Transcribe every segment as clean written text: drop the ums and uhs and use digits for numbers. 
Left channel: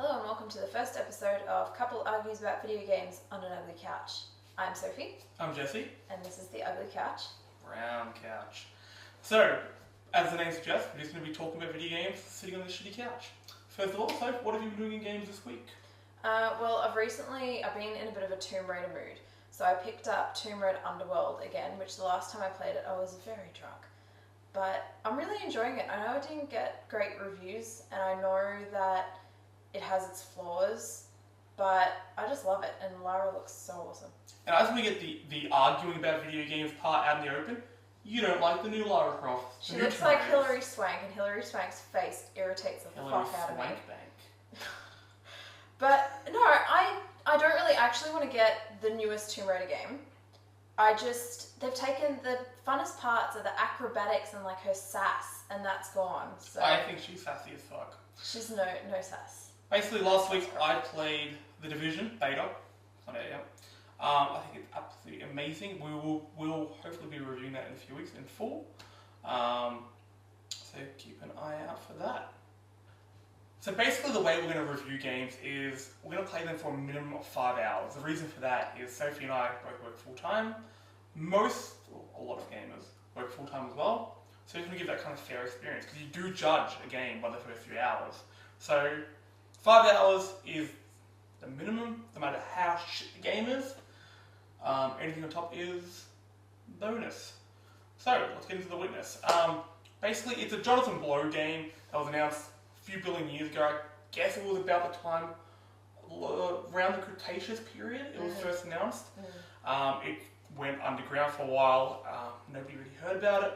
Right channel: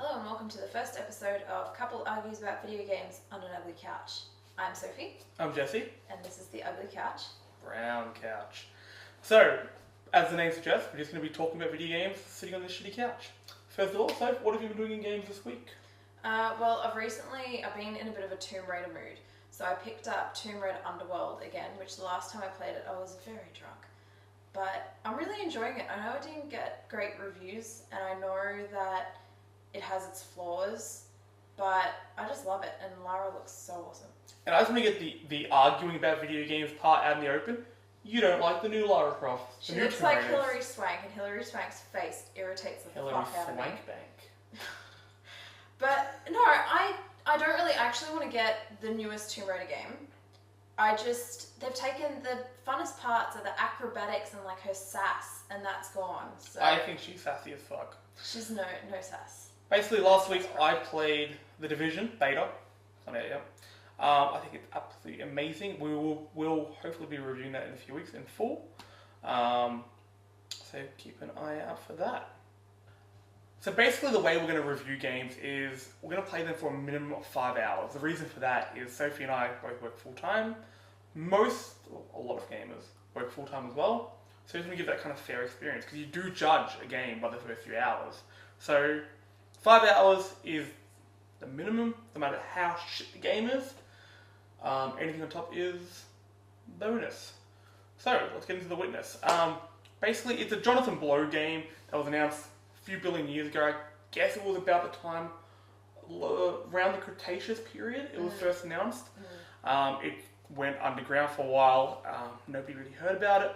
Hello and welcome to the first episode of Couple Argues About Video Games on an Ugly Couch. I'm Sophie. I'm Jesse. And this is The Ugly Couch. Brown couch. So, as the name suggests, we're just going to be talking about video games sitting on this shitty couch. First of all, Soph, what have you been doing in games this week? Well, I've been in a bit of a Tomb Raider mood. So I picked up Tomb Raider Underworld again, which the last time I played it I was very drunk. But I'm really enjoying it. I know I didn't get great reviews and I know that it has its flaws, but I just love it, and Lara looks so awesome. And I just want to get the arguing about video games part out in the open. You don't like the new Lara Croft. She looks like Hilary Swank, and Hilary Swank's face irritates the fuck out of me. But no, I don't really actually want to get the newest Tomb Raider game. They've taken the funnest parts of the acrobatics and like her sass, and that's gone. So I think she's sassy as fuck. She's no sass. Basically, last week I played The Division beta. I think it's absolutely amazing. We'll hopefully be reviewing that in a few weeks in full. So keep an eye out for that. So basically the way we're going to review games is we're going to play them for a minimum of 5 hours. The reason for that is Sophie and I both work full time. A lot of gamers work full time as well. So it's going to give that kind of fair experience because you do judge a game by the first few hours. So 5 hours is the minimum, no matter how shit the game is. Anything on top is bonus. So let's get into The Witness. Basically, it's a Jonathan Blow game that was announced a few billion years ago. I guess it was about the time around the Cretaceous period it was first announced. It went underground for a while. Nobody really heard about it.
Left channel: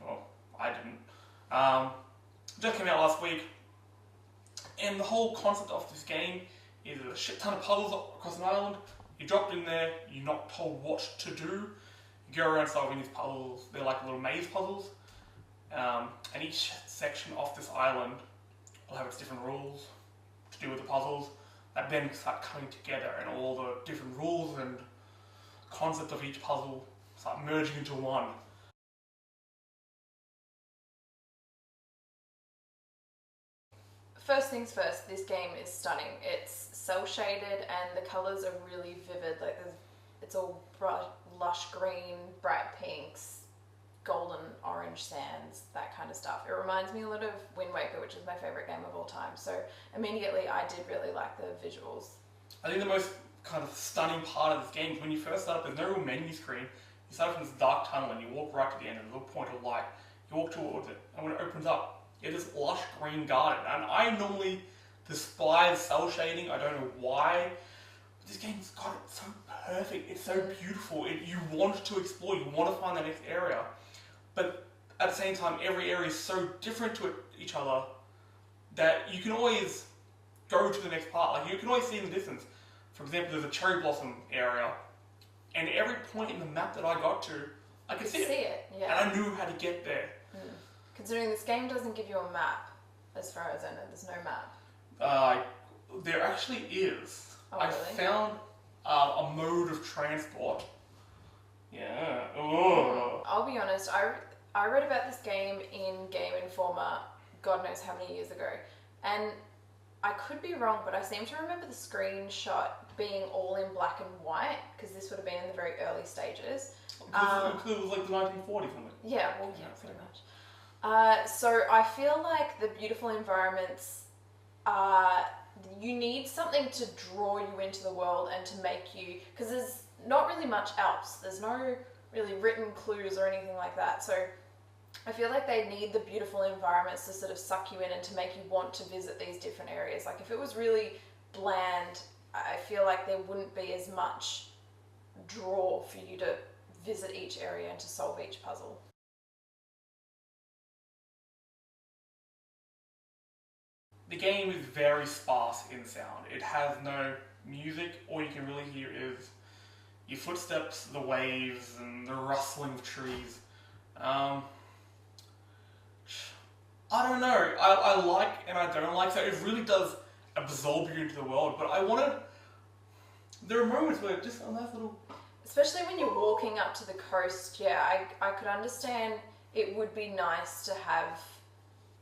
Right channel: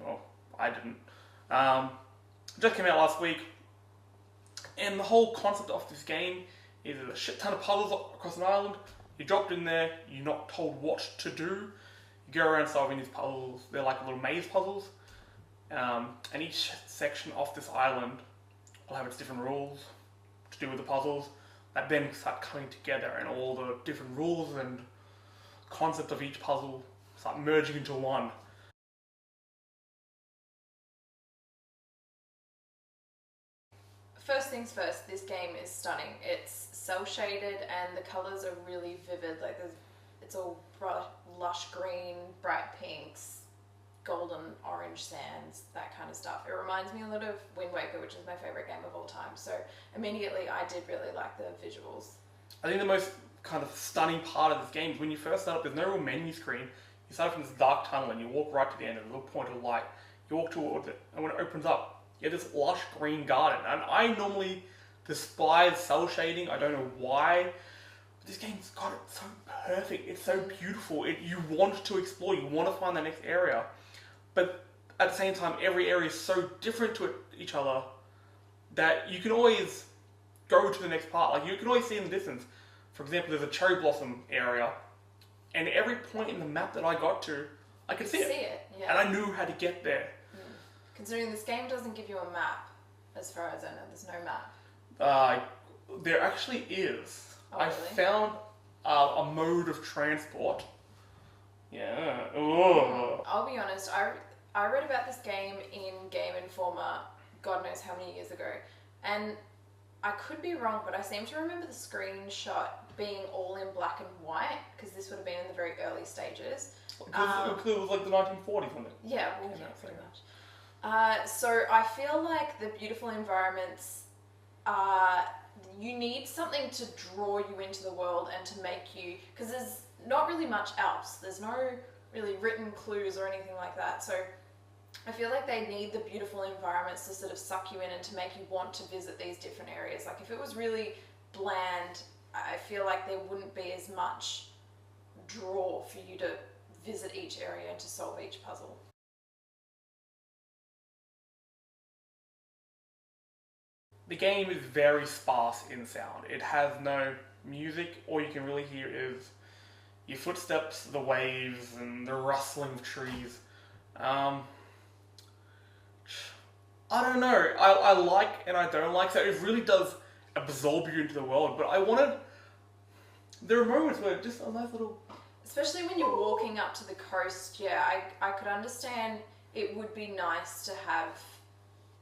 Well, I didn't. It just came out last week. And the whole concept of this game is a shit ton of puzzles across an island. You're dropped in there, you're not told what to do. You go around solving these puzzles. They're like little maze puzzles. And each section of this island will have its different rules to do with the puzzles that then start coming together, and all the different rules and concept of each puzzle start merging into one. First things first, this game is stunning. It's cel-shaded and the colours are really vivid. It's all bright, lush green, bright pinks, golden orange sands, that kind of stuff. It reminds me a lot of Wind Waker, which is my favourite game of all time. So immediately I did really like the visuals. I think the most kind of stunning part of this game is when you first start up, there's no real menu screen. You start from this dark tunnel and you walk right to the end, and a little point of light. You walk towards it, and when it opens up, you have this lush green garden. And I normally despise cel shading. I don't know why. But this game's got it so perfect. It's so beautiful. You want to explore. You want to find the next area. But at the same time, every area is so different to each other that you can always go to the next part. Like, you can always see in the distance. For example, there's a cherry blossom area. And every point in the map that I got to, I could see it. Yeah. And I knew how to get there. Considering this game doesn't give you a map, as far as I know, there's no map. There actually is. Oh, really? I found a mode of transport. Yeah. Oh. I'll be honest, I read about this game in Game Informer God knows how many years ago. And I could be wrong, but I seem to remember the screenshot being all in black and white, because this would have been in the very early stages. Because it was like the 1940s, something. Yeah, well, yeah, pretty much. So I feel like the beautiful environments you need something to draw you into the world and to make you, because there's not really much else. There's no really written clues or anything like that. So I feel like they need the beautiful environments to sort of suck you in and to make you want to visit these different areas. Like, if it was really bland, I feel like there wouldn't be as much draw for you to visit each area and to solve each puzzle. The game is very sparse in sound. It has no music. All you can really hear is your footsteps, the waves, and the rustling of trees. I don't know. I like and I don't like. So it really does absorb you into the world. But there are moments where just a nice little... Especially when you're walking up to the coast, yeah, I could understand it would be nice to have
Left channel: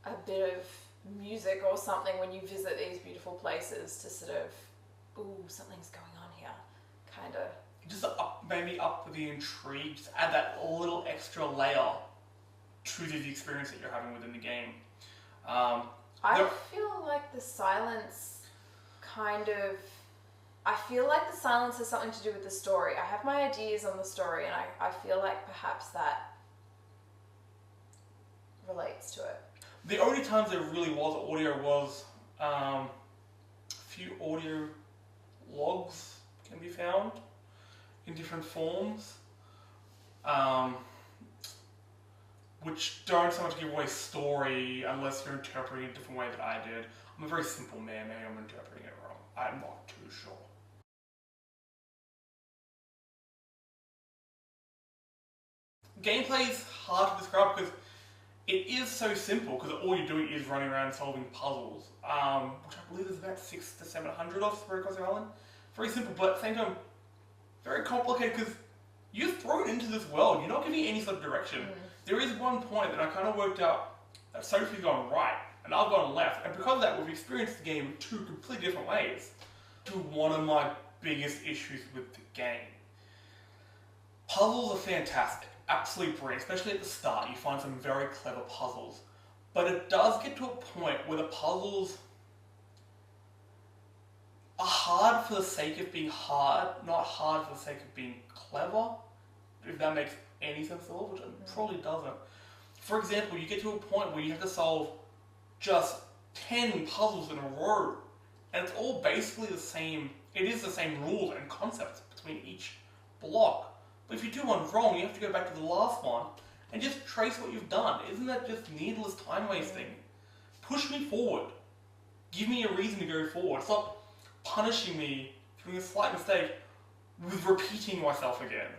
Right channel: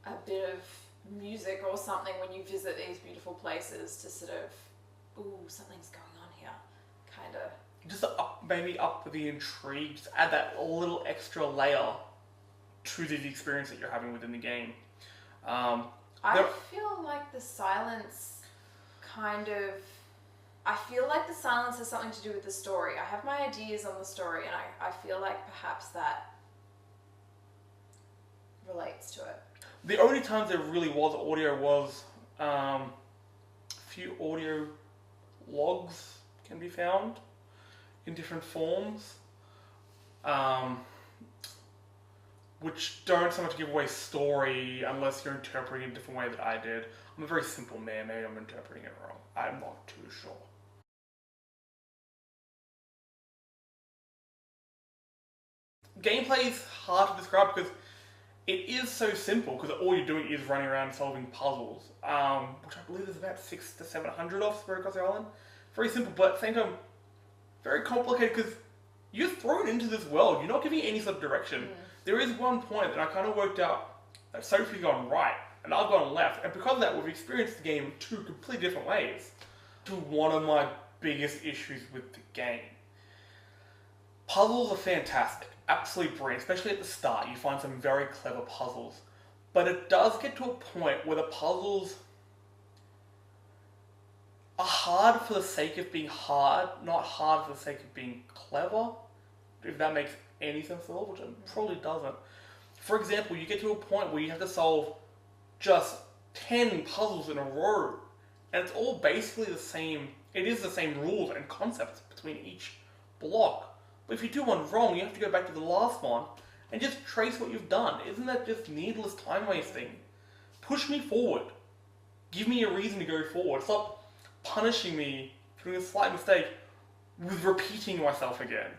a bit of music or something when you visit these beautiful places to sort of, ooh, something's going on here, kind of. Just maybe up the intrigue, just add that little extra layer to the experience that you're having within the game. I feel like the silence I feel like the silence has something to do with the story. I have my ideas on the story, and I feel like perhaps that relates to it. The only times there really was audio was a few audio logs can be found in different forms, which don't so much give away story unless you're interpreting it a different way that I did. I'm a very simple man, maybe I'm interpreting it wrong. I'm not too sure. Gameplay is hard to describe because it is so simple, because all you're doing is running around solving puzzles, which I believe there's about 600 to 700 of spread across the island. Very simple, but at the same time, very complicated because you're thrown into this world. You're not giving any sort of direction. There is one point that I kind of worked out that Sophie's gone right and I've gone left, and because of that, we've experienced the game in two completely different ways. To one of my biggest issues with the game. Puzzles are fantastic. Absolutely brilliant, especially at the start. You find some very clever puzzles. But it does get to a point where the puzzles are hard for the sake of being hard, not hard for the sake of being clever, if that makes any sense at all, which it probably doesn't. For example, you get to a point where you have to solve just 10 puzzles in a row, and it's all basically the same. It is the same rules and concepts between each block. But if you do one wrong, you have to go back to the last one and just trace what you've done. Isn't that just needless time wasting? Push me forward. Give me a reason to go forward. Stop punishing me for doing a slight mistake with repeating myself again.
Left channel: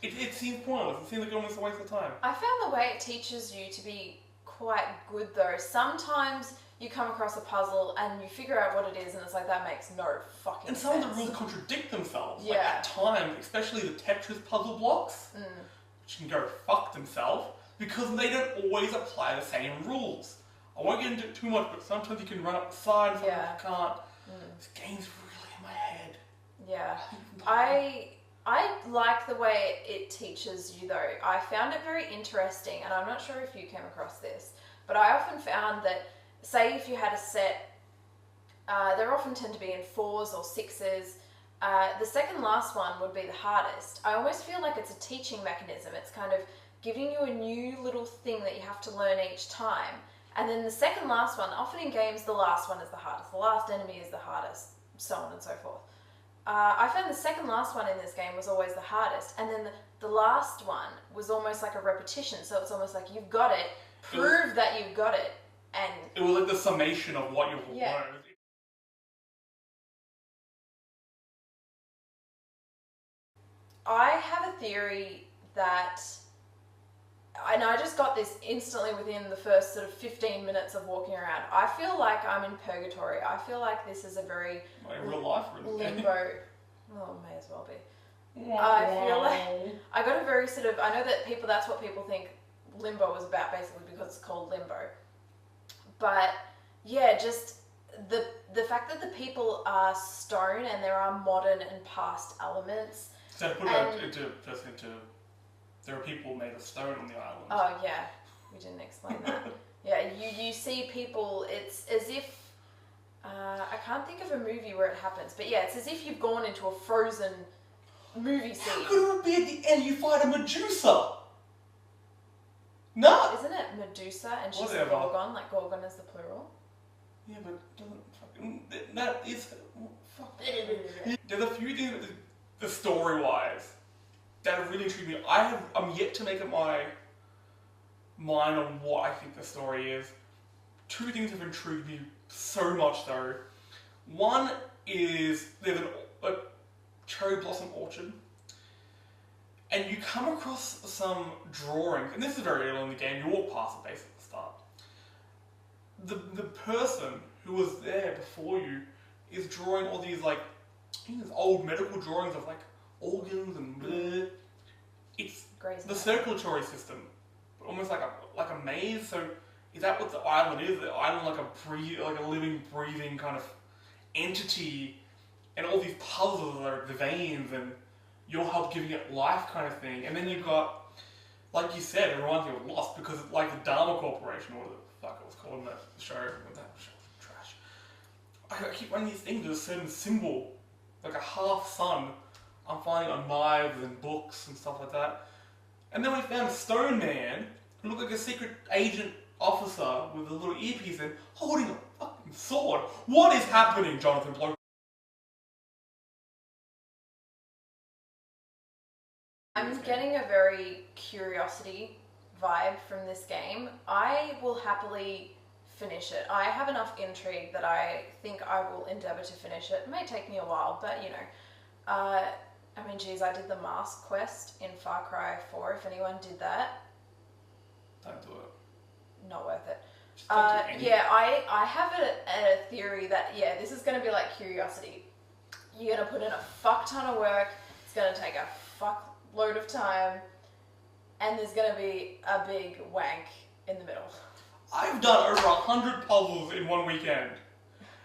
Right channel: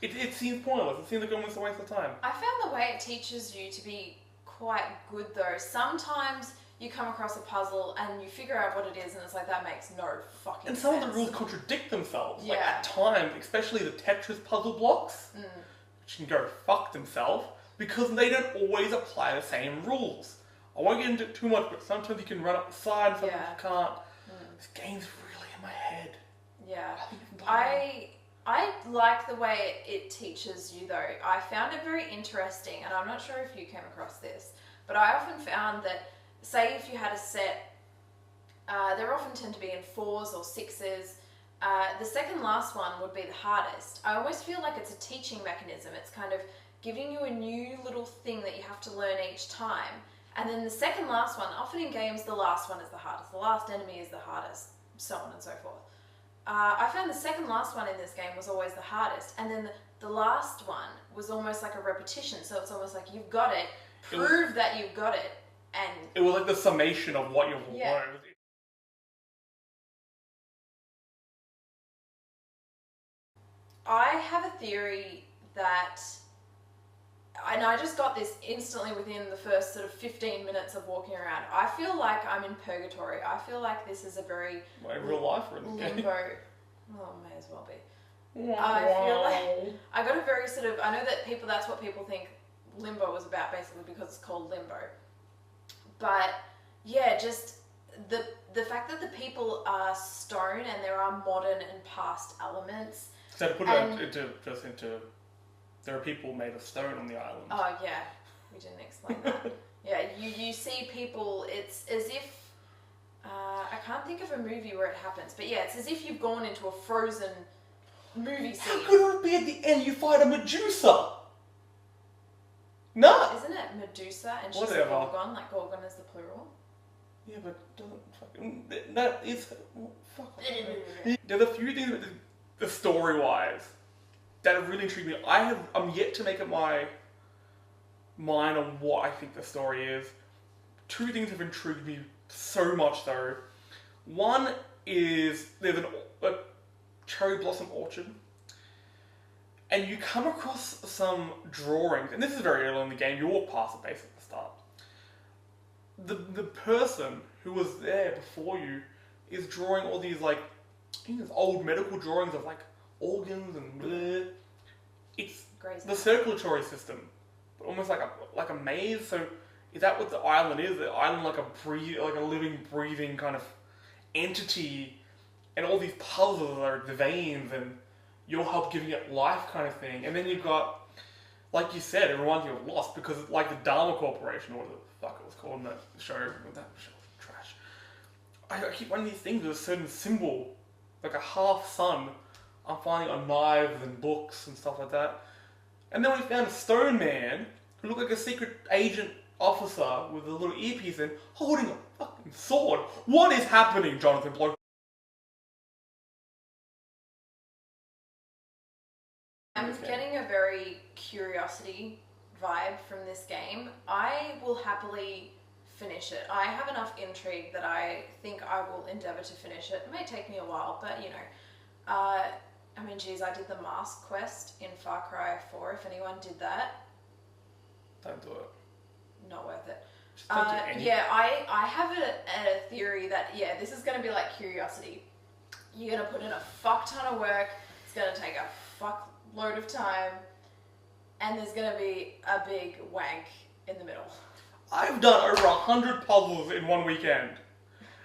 It seems pointless. It seems like almost a waste of time. I found the way it teaches you to be quite good though. Sometimes you come across a puzzle and you figure out what it is and it's like, that makes no fucking sense. And some of the rules contradict themselves. Yeah. Like at times, especially the Tetris puzzle blocks, which can go fuck themselves, because they don't always apply the same rules. I won't get into it too much, but sometimes you can run up the side, sometimes you can't. This game's really in my head. Yeah. I like the way it teaches you though. I found it very interesting, and I'm not sure if you came across this, but I often found that, say if you had a set, they often tend to be in 4s or 6s. The second last one would be the hardest. I almost feel like it's a teaching mechanism. It's kind of giving you a new little thing that you have to learn each time. And then the second last one, often in games, the last one is the hardest. The last enemy is the hardest, so on and so forth. I found the second last one in this game was always the hardest. And then the last one was almost like a repetition. So it's almost like, you've got it, prove that you've got it. And it was like the summation of what you've learned. I have a theory that, and I just got this instantly within the first sort of 15 minutes of walking around. I feel like I'm in purgatory. I feel like this is a very like real life or limbo. Well, may as well be. I feel like I got a very sort of, I know that people, that's what people think Limbo was about, basically, because it's called Limbo. But yeah, just the fact that the people are stone and there are modern and past elements. So to put it into, there are people made of stone on the island. Oh yeah, we didn't explain that. Yeah, you see people. It's as if I can't think of a movie where it happens, but yeah, it's as if you've gone into a Frozen movie scene. How could it be at the end you fight a Medusa? No. Isn't it Medusa and she's Whatever. a Gorgon? Like Gorgon is the plural. Yeah, but doesn't fucking that is fuck. There's a few things with the story-wise that have really intrigued me. I'm yet to make up my mind on what I think the story is. Two things have intrigued me so much though. One is there's a cherry blossom orchard, and you come across some drawings, and this is very early in the game. You walk past it basically at the start. The person who was there before you is drawing all these like, old medical drawings of like organs and bleh. It's the circulatory system, but almost like a maze. So Is that what the island is? The island like a living, breathing kind of entity, and all these puzzles are the veins, and you'll help giving it life kind of thing. And then you've got, like you said, it reminds me of Lost because it's like the Dharma Corporation, or whatever the fuck it was called in that show. That show was trash. I keep running these things with a certain symbol, like a half sun. I'm finding on knives and books and stuff like that. And then we found a stone man who looked like a secret agent officer with a little earpiece and holding a fucking sword. What is happening, Jonathan Blow? I'm getting a very curiosity vibe from this game. I will happily finish it. I have enough intrigue that I think I will endeavour to finish it. It may take me a while, but you know. I mean, geez, I did the mask quest in Far Cry 4, if anyone did that. Don't do it. Not worth it. Just don't do anything. Yeah, I have a theory that, yeah, this is going to be like Curiosity. You're going to put in a fuck ton of work, it's going to take a fuck load of time, and there's going to be a big wank in the middle. I've done over 100 puzzles in one weekend,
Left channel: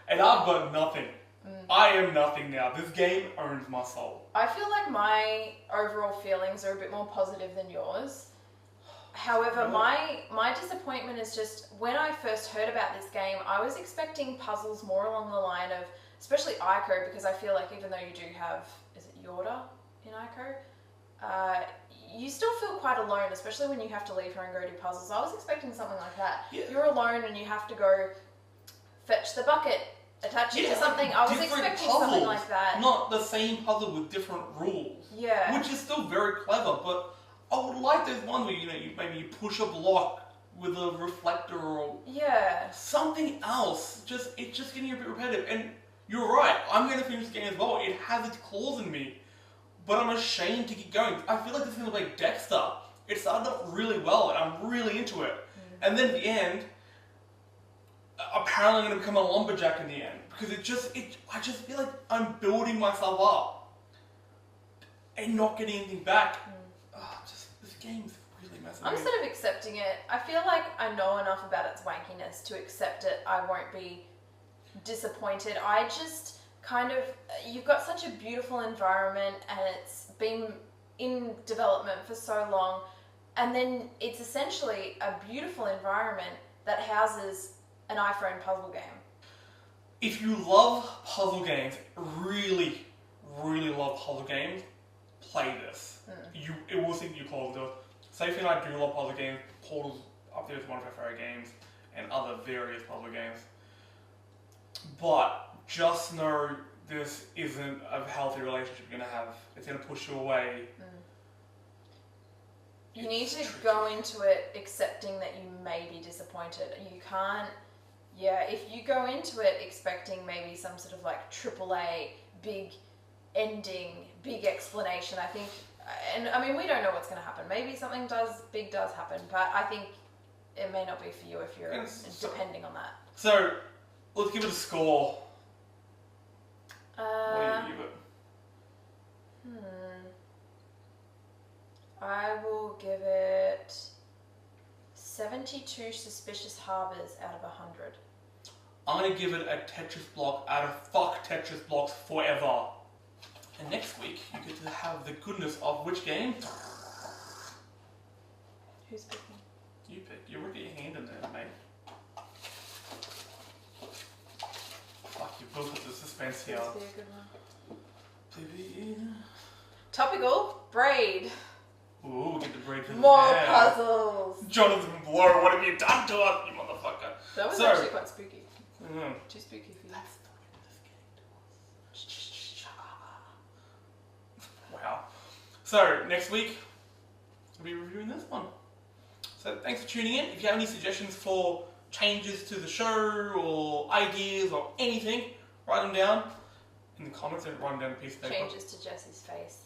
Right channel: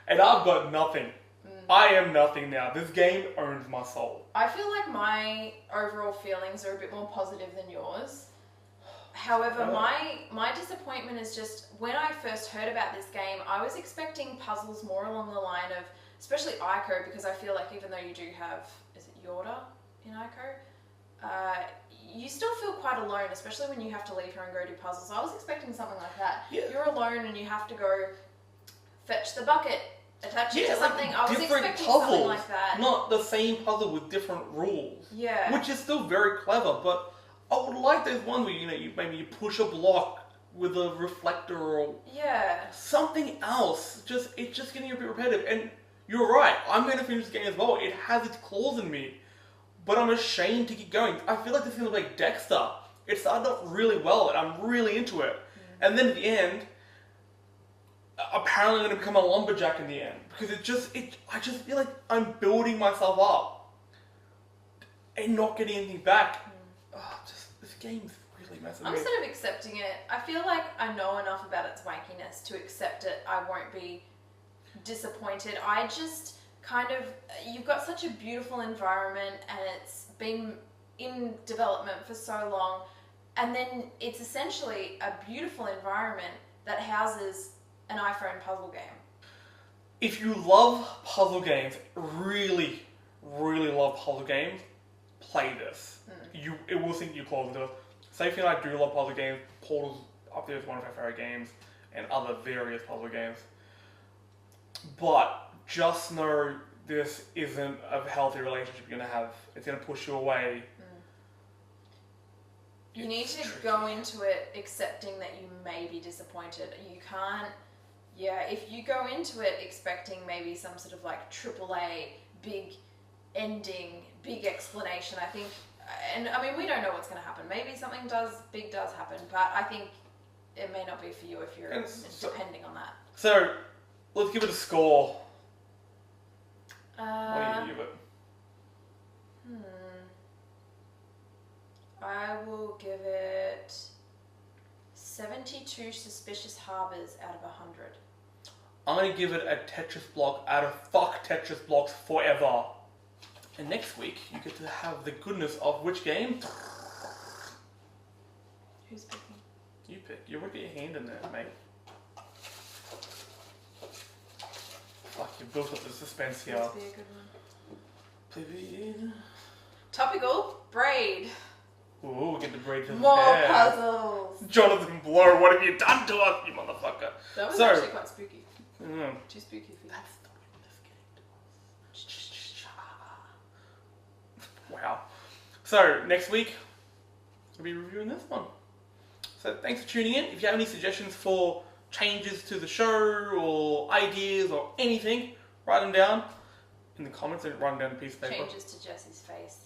and I've got nothing. I am nothing now. This game owns my soul. I feel like my overall feelings are a bit more positive than yours. However, my disappointment is just when I first heard about this game, I was expecting puzzles more along the line of, especially Ico, because I feel like even though you do have, is it Yorda in Ico? You still feel quite alone, especially when you have to leave her and go do puzzles. I was expecting something like that. Yeah. You're alone and you have to go fetch the bucket, attach it to something. I was expecting something like that. Not the same puzzle with different rules. Yeah. Which is still very clever, but I would like those ones where maybe you push a block with a reflector or something else. It's just getting a bit repetitive. And you're right, I'm going to finish the game as well. It has its claws in me, but I'm ashamed to keep going. I feel like this is going to be like Dexter. It started off really well, and I'm really into it. And then at the end, apparently I'm going to become a lumberjack in the end. Because I just feel like I'm building myself up and not getting anything back. This game's really messing I'm me. sort of accepting it. I feel like I know enough about its wankiness to accept it. I won't be disappointed. I just kind of, you've got such a beautiful environment and it's been in development for so long, and then it's essentially a beautiful environment that houses an iPhone puzzle game. If you love puzzle games, really, really love puzzle games, play this. It will sink your claws into it. Sophie and I do love puzzle games. Portal's up there with one of our favourite games, and other various puzzle games. But just know this isn't a healthy relationship you're going to have. It's going to push you away. You need to go into it accepting that you may be disappointed. You can't, if you go into it expecting maybe some sort of like AAA, big ending, big explanation, I think, and I mean, we don't know what's going to happen. Maybe something big does happen, but I think it may not be for you if you're depending on that. So, let's give it a score. What do you give it? I will give it 72 suspicious harbors out of 100. I'm going to give it a Tetris block out of fuck Tetris blocks forever. And next week, you get to have the goodness of which game? Who's picking? You pick. You want to get your hand in there, mate. Fuck, you built up the suspense here. Please be a good one. Topical, braid. Ooh, get the braid to the More hair. puzzles. Jonathan Blow, what have you done to us, you motherfucker? That was actually quite spooky. Too spooky for you. That's the way this game was. Wow. So, next week, we'll be reviewing this one. So, thanks for tuning in. If you have any suggestions for changes to the show, or ideas, or anything, write them down in the comments and write them down on a piece of paper. Changes to Jesse's face.